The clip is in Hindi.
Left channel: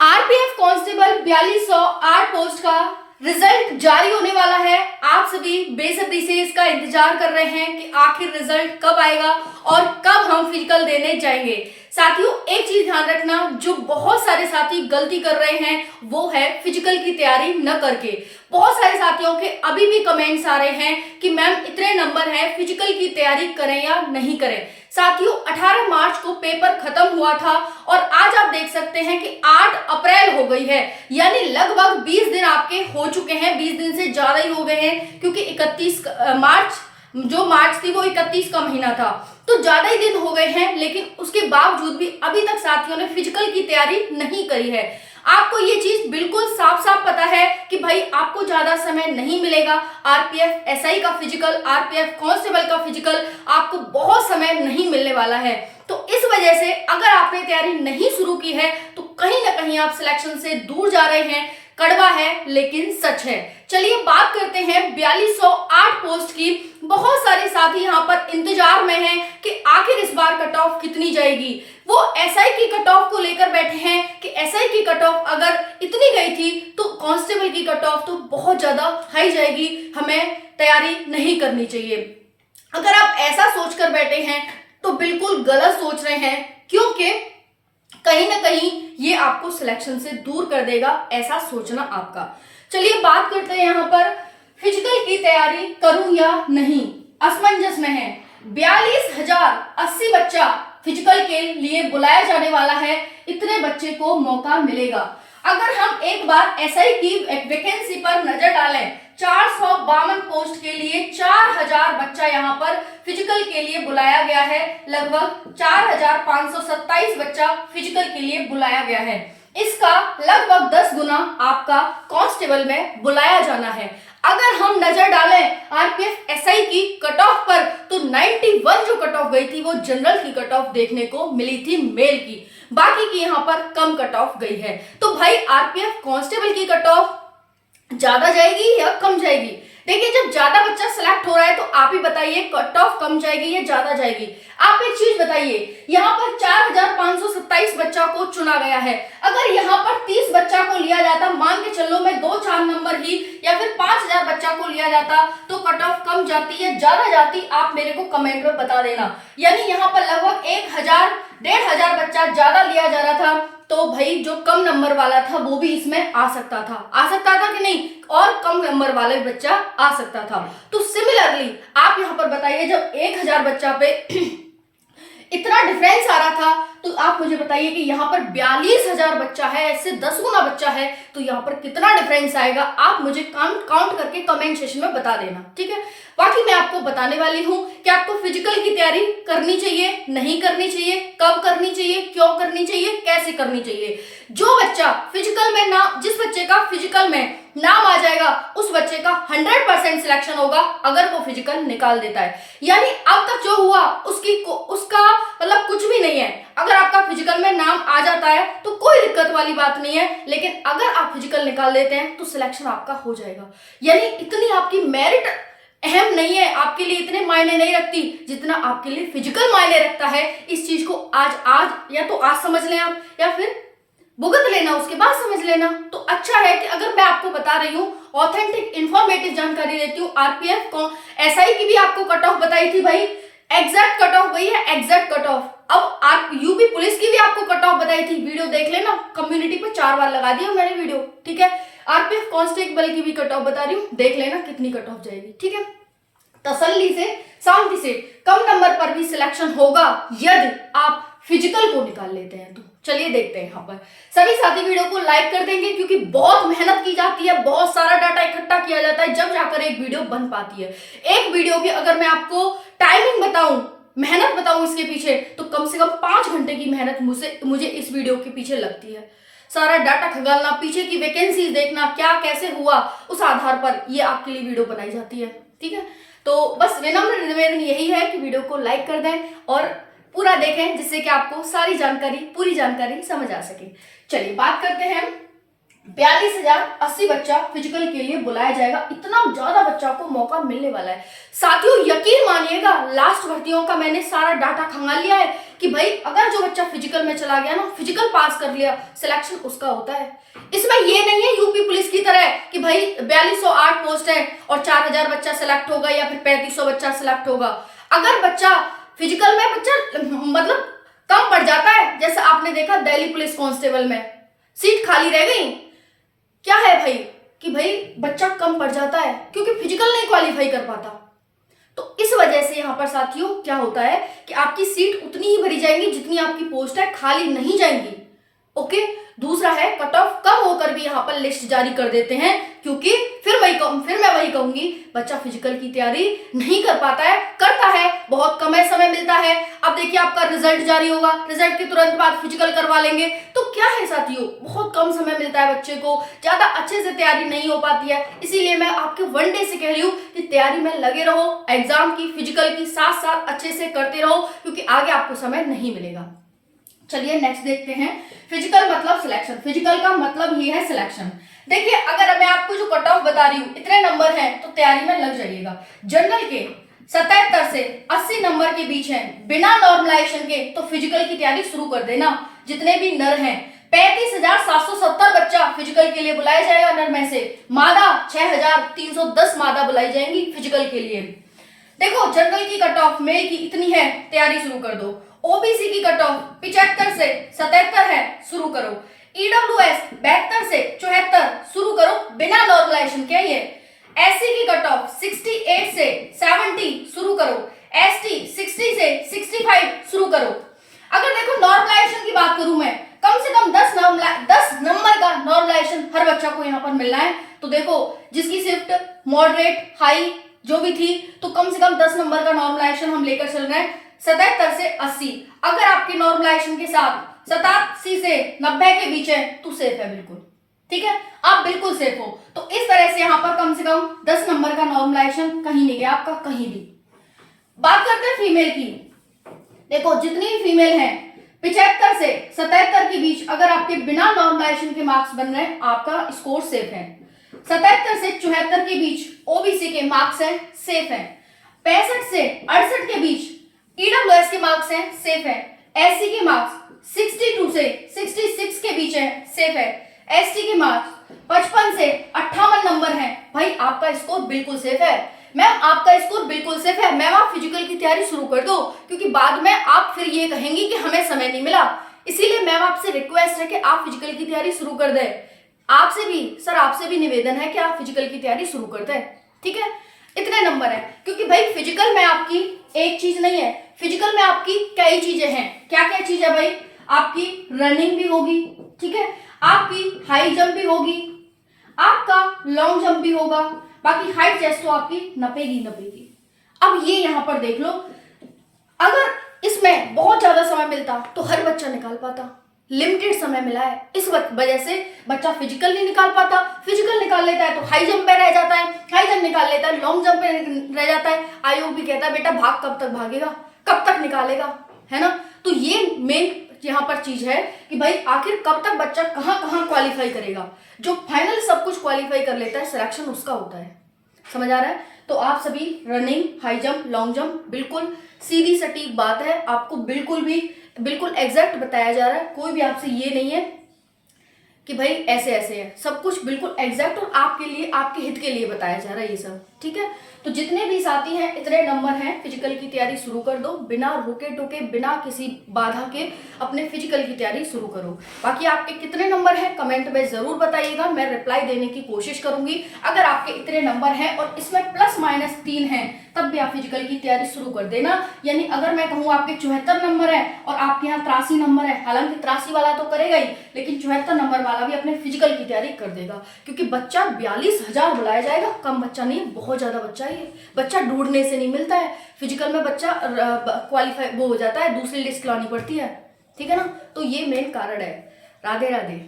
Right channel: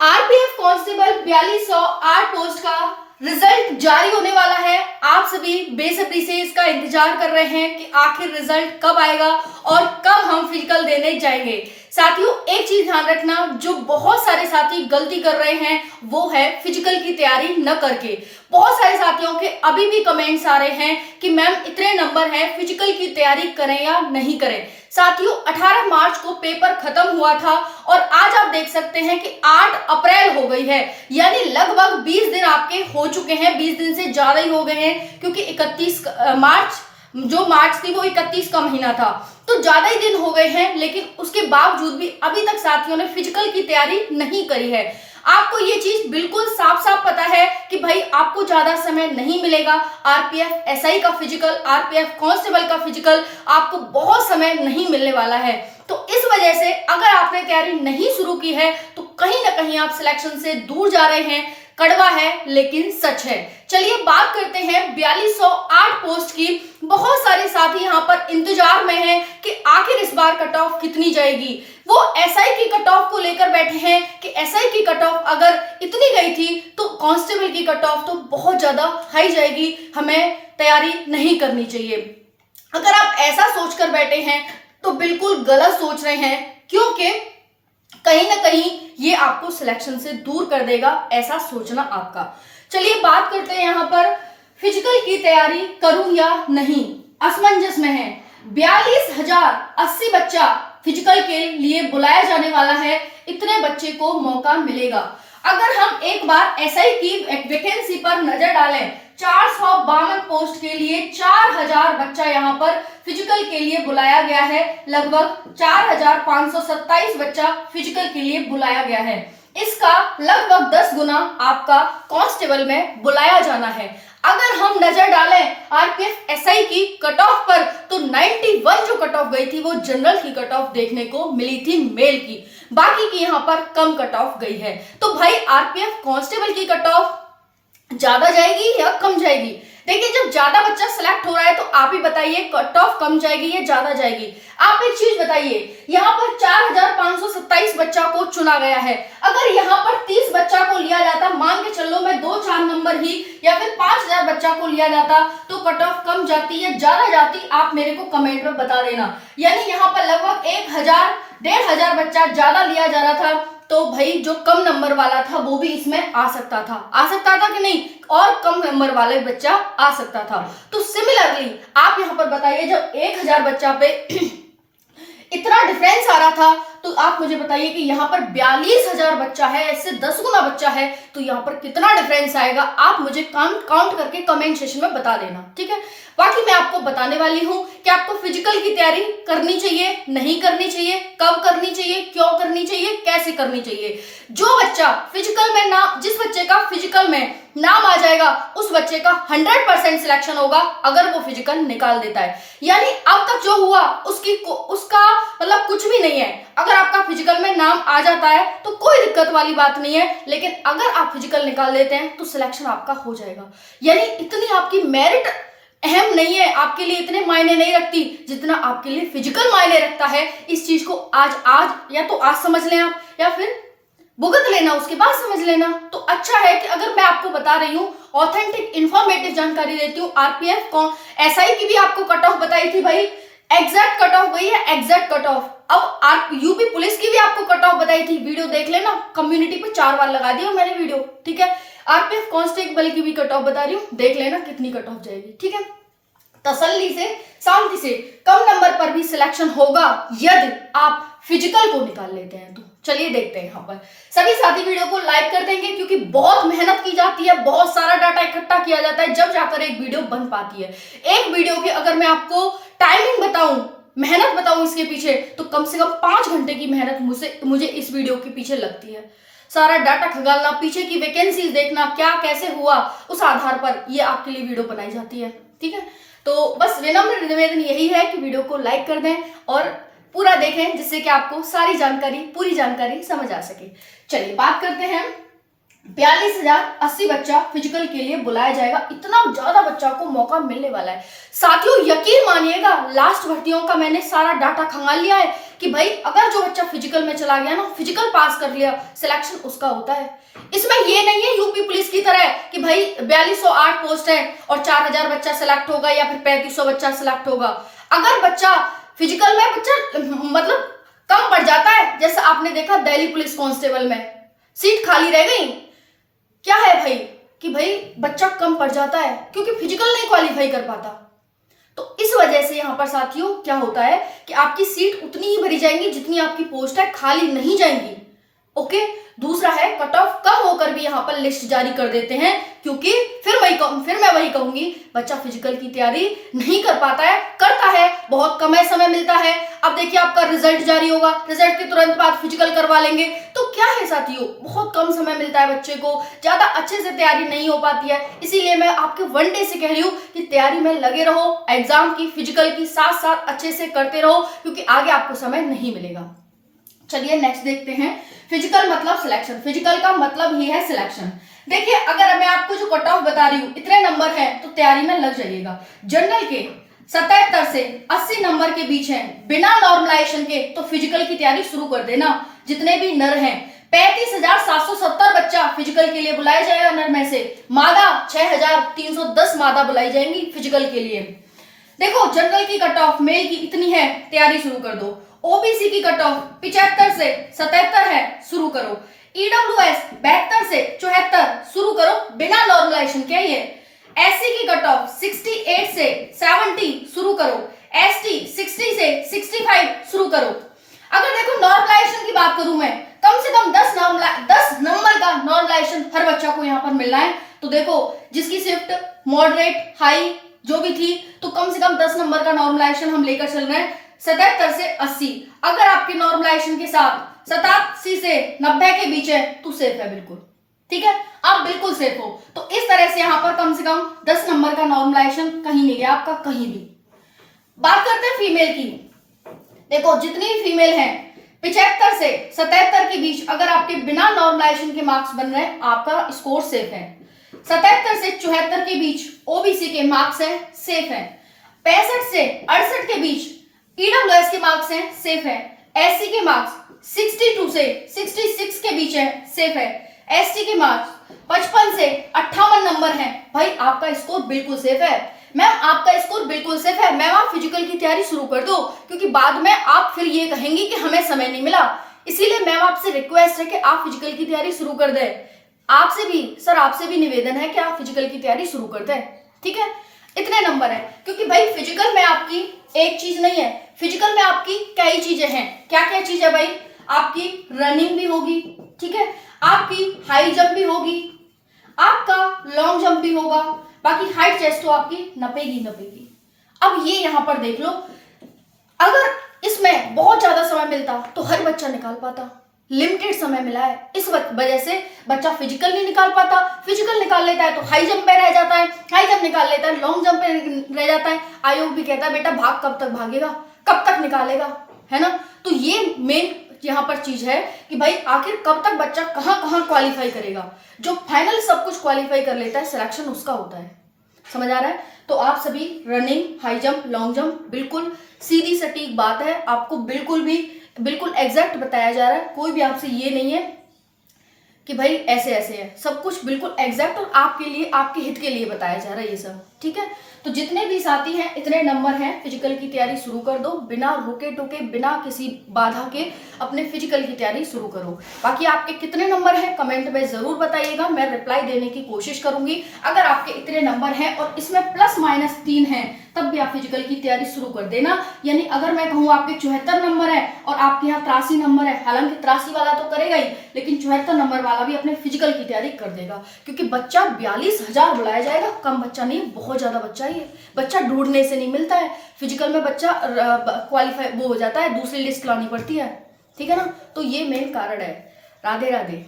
आरपीएफ कांस्टेबल 4208 पोस्ट का रिजल्ट जारी होने वाला है। आप सभी बेसब्री से इसका इंतजार कर रहे हैं कि आखिर रिजल्ट कब आएगा और कब हम फिजिकल देने जाएंगे। साथियों, एक चीज ध्यान रखना, जो बहुत सारे साथी गलती कर रहे हैं वो है फिजिकल की तैयारी न करके। बहुत सारे साथियों के अभी भी कमेंट्स आ रहे हैं कि मैम इतने नंबर हैं, फिजिकल की तैयारी करें या नहीं करें। साथियों, 18 मार्च को पेपर खत्म हुआ था और आज आप देख सकते हैं कि 8 अप्रैल हो गई है, यानी लगभग 20 दिन आपके हो चुके हैं। 20 दिन से ज्यादा ही हो गए हैं, क्योंकि 31 मार्च जो मार्च थी वो 31 का महीना था, तो ज्यादा ही दिन हो गए हैं। लेकिन उसके बावजूद भी अभी तक साथियों ने फिजिकल की तैयारी नहीं करी है। आपको ये चीज बिल्कुल साफ साफ पता है कि भाई आपको ज्यादा समय नहीं मिलेगा। आरपीएफ एसआई का फिजिकल, आरपीएफ कांस्टेबल का फिजिकल आपको बहुत समय नहीं मिलने वाला है। तो इस वजह से अगर आपने तैयारी नहीं शुरू की है तो कहीं ना कहीं आप सिलेक्शन से दूर जा रहे हैं। कड़वा है लेकिन सच है। चलिए बात करते हैं 4208 पोस्ट की। बहुत सारे साथी यहाँ पर इंतजार में हैं कि आखिर इस बार कट ऑफ कितनी जाएगी। वो एसआई की कट ऑफ को लेकर बैठे हैं कि एसआई की कट ऑफ अगर इतनी गई थी तो कांस्टेबल की कट ऑफ तो बहुत ज्यादा हाई जाएगी, हमें तैयारी नहीं करनी चाहिए। अगर आप ऐसा सोचकर बैठे हैं तो बिल्कुल गलत सोच रहे हैं, क्योंकि कहीं ना कहीं ये आपको सिलेक्शन से दूर कर देगा, ऐसा सोचना आपका। चलिए बात करते हैं यहाँ पर फिजिकल की तैयारी करूं या नहीं। असमंजस में है। 42,080 बच्चा फिजिकल के लिए बुलाया जाने वाला है। इतने बच्चे को मौका मिलेगा। अगर हम एक बार एसआई की वैकेंसी पर नजर डालें, 452 पोस्ट के लिए 4000 बच्चा यहाँ पर फिजिकल के लिए बुलाया गया है। लगभग 4527 बच्चा फिजिकल के लिए बुलाया गया है। इसका लगभग 10 गुना आपका कांस्टेबल में बुलाया जाना है। अगर हम नजर डालें आरपीएफ एसआई की कट ऑफ पर, तो 91 जो कट ऑफ गई थी वो जनरल की कट ऑफ देखने को मिली थी, मेल की। बाकी की यहाँ पर कम कट ऑफ गई है। तो भाई आरपीएफ कांस्टेबल की कट ऑफ ज्यादा जाएगी या कम जाएगी? देखिए, जब ज्यादा बच्चा सिलेक्ट हो रहा है तो आप ही बताइए कट ऑफ कम जाएगी या ज्यादा जाएगी। आप एक चीज बताइए, यहाँ पर 4527 बच्चा को चुना गया है। अगर यहाँ पर 30 बच्चा को लिया जाता, मान के चलो मैं 2-4 नंबर ही, या फिर 5000 बच्चा को लिया जाता, तो कट ऑफ कम जाती या ज्यादा जाती, आप मेरे को कमेंट में बता देना। यानी यहाँ पर लगभग 1000-1500 बच्चा ज्यादा लिया जा रहा था, तो भाई जो कम नंबर वाला था वो भी इसमें आ सकता था कि नहीं, और कम नंबर वाला भी बच्चा आ सकता था। तो सिमिलरली आप यहाँ पर बताइए, जब 1000 बच्चा पे इतना डिफरेंस आ रहा था, तो आप मुझे बताइए कि यहाँ पर 42,000 बच्चा है, ऐसे 10 गुना बच्चा है, तो यहाँ पर कितना डिफरेंस आएगा आप मुझे काउंट करके कमेंट सेक्शन में बता देना, ठीक है। बाकी मैं आपको बताने वाली हूँ कि आपको फिजिकल की तैयारी करनी चाहिए, नहीं करनी चाहिए, कब करनी चाहिए, क्यों करनी चाहिए, कैसे करनी चाहिए। जो बच्चा फिजिकल में ना, जिस बच्चे का फिजिकल में नाम आ जाएगा उस बच्चे का 100% सिलेक्शन होगा अगर वो फिजिकल निकाल देता है। यानी अब तक जो हुआ उसका मतलब कुछ भी नहीं है। अगर आपका फिजिकल में नाम आ जाता है तो कोई दिक्कत वाली बात नहीं है, लेकिन अगर आप फिजिकल निकाल देते हैं तो सिलेक्शन आपका हो जाएगा। यानी इतनी आपकी मेरिट अहम नहीं है, आपके लिए इतने मायने नहीं रखती जितना आपके लिए फिजिकल मायने रखता है। इस चीज को आज या तो आज समझ लें आप, या फिर भुगत लेना, उसके बाद समझ लेना। तो अच्छा है कि अगर मैं आपको बता रही हूँ, ऑथेंटिक इंफॉर्मेटिव जानकारी देती हूँ। आरपीएफ एसआई की भी आपको कट ऑफ बताई थी भाई, एग्जैक्ट कट ऑफ गई है, एग्जैक्ट कट ऑफ। अब यूपी पुलिस की भी आपको कट ऑफ बताई थी, वीडियो देख लेना, कम्युनिटी पे 4 बार लगा दिया मैंने वीडियो, ठीक है। आरपीएफ कांस्टेबल की भी कट ऑफ बता रही हूँ, देख लेना कितनी कट ऑफ जाएगी, ठीक है। तसल्ली से, शांति से, कम नंबर पर भी सिलेक्शन होगा यदि आप फिजिकल को निकाल लेते हैं। तो चलिए देखते हैं। यहाँ पर सभी साथी वीडियो को लाइक कर देंगे, क्योंकि बहुत मेहनत की जाती है, बहुत सारा डाटा इकट्ठा किया जाता है, जब जाकर एक वीडियो बन पाती है। एक वीडियो की अगर मैं आपको टाइमिंग बताऊं, मेहनत बताऊं इसके पीछे, तो कम से कम 5 घंटे की मेहनत मुझे इस वीडियो के पीछे लगती है। सारा डाटा खंगालना, पीछे की वैकेंसीज देखना, क्या कैसे हुआ, उस आधार पर ये आपके लिए वीडियो बनाई जाती है, ठीक है। तो बस विनम्र निवेदन यही है कि वीडियो को लाइक कर दें और पूरा देखें, जिससे कि आपको पूरी जानकारी समझ आ सके। चलिए बात करते हैं 42,080 बच्चा फिजिकल के लिए बुलाया जाएगा। इतना ज्यादा बच्चा को मौका मिलने वाला है। साथियों यकीन मानिएगा, लास्ट भर्तियों का मैंने सारा डाटा खंगाल लिया है। कि भाई अगर जो बच्चा फिजिकल में चला गया ना, फिजिकल पास कर लिया, सिलेक्शन उसका होता है। इसमें ये नहीं है यूपी पुलिस की तरह कि भाई 4208 पोस्ट है और 4000 बच्चा सिलेक्ट होगा या फिर 3500 बच्चा सिलेक्ट होगा। अगर बच्चा फिजिकल में बच्चा मतलब कम पड़ जाता है, जैसे आपने देखा दिल्ली पुलिस कांस्टेबल में सीट खाली रह गई, क्या है भाई कि भाई बच्चा कम पड़ जाता है क्योंकि फिजिकल नहीं क्वालिफाई कर पाता। तो इस वजह से यहां पर साथियों क्या होता है कि आपकी सीट उतनी ही भरी जाएंगी जितनी आपकी पोस्ट है, खाली नहीं जाएंगी। ओके, दूसरा है कट ऑफ कम होकर भी यहाँ पर लिस्ट जारी कर देते हैं क्योंकि फिर मैं वही कहूंगी, बच्चा फिजिकल की तैयारी नहीं कर पाता है, करता है, बहुत कम समय मिलता है। अब देखिए आपका रिजल्ट जारी होगा, रिजल्ट के तुरंत बाद फिजिकल करवा लेंगे, तो क्या है साथियों, बहुत कम समय मिलता है बच्चे को, ज्यादा अच्छे से तैयारी नहीं हो पाती है। इसीलिए मैं आपके वन डे से कह रही हूँ कि तैयारी में लगे रहो, एग्जाम की फिजिकल की साथ साथ अच्छे से करते रहो क्योंकि आगे आपको समय नहीं मिलेगा। चलिए नेक्स्ट देखते हैं, फिजिकल मतलब सिलेक्शन। फिजिकल का मतलब ही है सिलेक्शन। देखिए अगर मैं आपको जो कट ऑफ बता रही हूँ इतने नंबर हैं तो तैयारी में लग जाइएगा। जनरल के 77 से 80 नंबर के बीच हैं, बिना नॉर्मलाइजेशन के, तो फिजिकल की तैयारी शुरू कर देना। जितने भी नर हैं 35,770 बच्चा फिजिकल के लिए बुलाया जाएगा नर में से, मादा 6,310 मादा बुलाई जाएंगी फिजिकल के लिए। देखो जनरल की कट ऑफ मेल की इतनी है, तैयारी शुरू कर दो। ओबीसी की कट ऑफ 75 से 77 है, शुरू करो। ईडब्ल्यूएस 72 से 74 शुरू करो बिना नॉर्मलाइजेशन के। ये एससी की कट ऑफ 68 से 70 शुरू करो। एसटी 60 से 65 शुरू करो। अगर देखो नॉर्मलाइजेशन की बात करूं मैं, कम से कम 10 नंबर का नॉर्मलाइजेशन हर बच्चा को यहाँ पर मिलना है। तो देखो जिसकी शिफ्ट मॉडरेट हाई जो भी थी, तो कम से कम 10 नंबर का नॉर्मलाइजेशन हम लेकर चल रहे हैं। 77 से 80, अगर आपके नॉर्मलाइजेशन के साथ 87 से 90 के बीच है तो सेफ है बिल्कुल, ठीक है, आप बिल्कुल सेफ हो। तो इस तरह से यहाँ पर कम से कम 10 नंबर का नॉर्मलाइजेशन कहीं नहीं गया आपका, कहीं भी। बात करते हैं फीमेल की। देखो जितनी भी फीमेल हैं 75 से 77 के बीच अगर आपके बिना नॉर्मलाइजेशन के मार्क्स बन रहे हैं, आपका स्कोर सेफ है। 77 से 74 के बीच ओबीसी के मार्क्स है, सेफ है। 65 से 68 के बीच ईडब्ल्यूएस के मार्क्स हैं, सेफ है। एससी के मार्क्स 62 से 66 के बीच है, सेफ है। एसटी के मार्क्स 55 से 58 नंबर हैं, भाई आपका स्कोर बिल्कुल सेफ है। मैम आपका स्कोर बिल्कुल सेफ है, मैम आप फिजिकल की तैयारी शुरू कर दो क्योंकि बाद में आप फिर ये कहेंगी कि हमें समय नहीं मिला। इसीलिए मैम आपसे रिक्वेस्ट है कि आप फिजिकल की तैयारी शुरू कर दें। आपसे भी निवेदन है कि आप फिजिकल की तैयारी शुरू कर दें, ठीक है। इतने नंबर है क्योंकि भाई फिजिकल में आपकी एक चीज नहीं है, फिजिकल में आपकी कई चीजें हैं। क्या क्या चीज है भाई, आपकी रनिंग भी होगी, ठीक है, आपकी हाई जंप भी होगी, आपका लॉन्ग जंप भी होगा, बाकी हाइट चेस्ट तो आपकी नपेगी। अब ये यहां पर देख लो, अगर इसमें बहुत ज्यादा समय मिलता तो हर बच्चा निकाल पाता, लिमिटेड समय मिला है, इस वजह से बच्चा फिजिकल नहीं निकाल पाता। फिजिकल निकाल लेता है तो हाई जंप पे रह जाता है, हाई जंप निकाल लेता है लॉन्ग जंप पे रह जाता है। आयोग भी कहता है बेटा भाग कब तक भागेगा, कब तक निकालेगा, है ना। तो ये मेन यहाँ पर चीज है कि भाई आखिर कब तक बच्चा कहाँ कहाँ क्वालिफाई करेगा। जो फाइनल सब कुछ क्वालिफाई कर लेता है सिलेक्शन उसका होता है, समझ आ रहा है। तो आप सभी running, high jump, long jump बिल्कुल सीधी सटीक बात है, आपको बिल्कुल एग्जैक्ट बताया जा रहा है। कोई भी आपसे ये नहीं है कि भाई ऐसे ऐसे है, सब कुछ बिल्कुल एग्जैक्ट और आपके लिए, आपके हित के लिए बताया जा रहा है ये सब, ठीक है। तो जितने भी साथी हैं इतने नंबर हैं, फिजिकल की तैयारी शुरू कर दो, बिना रुके टोके, बिना किसी बाधा के अपने फिजिकल की तैयारी शुरू करो। बाकी आपके कितने नंबर हैं कमेंट में जरूर बताइएगा, मैं रिप्लाई देने की कोशिश करूंगी। अगर आपके इतने नंबर हैं और इसमें +-3 हैं तब भी आप फिजिकल की तैयारी शुरू कर देना। यानी अगर मैं कहूँ आपके 74 नंबर है और आपके यहाँ 83 नंबर है, हालांकि 83 वाला तो करेगा ही, लेकिन 74 नंबर वाला भी अपने फिजिकल की तैयारी कर देगा क्योंकि बच्चा 42,000 बुलाया जाएगा, कम बच्चा नहीं, बहुत ज्यादा बच्चा ही है। बच्चा ढूंढने से नहीं मिलता है, फिजिकल में बच्चा क्वालिफाई वो हो जाता है, दूसरी लिस्ट लानी पड़ती है, ठीक है ना। तो ये मेन कारण है। राधे राधे।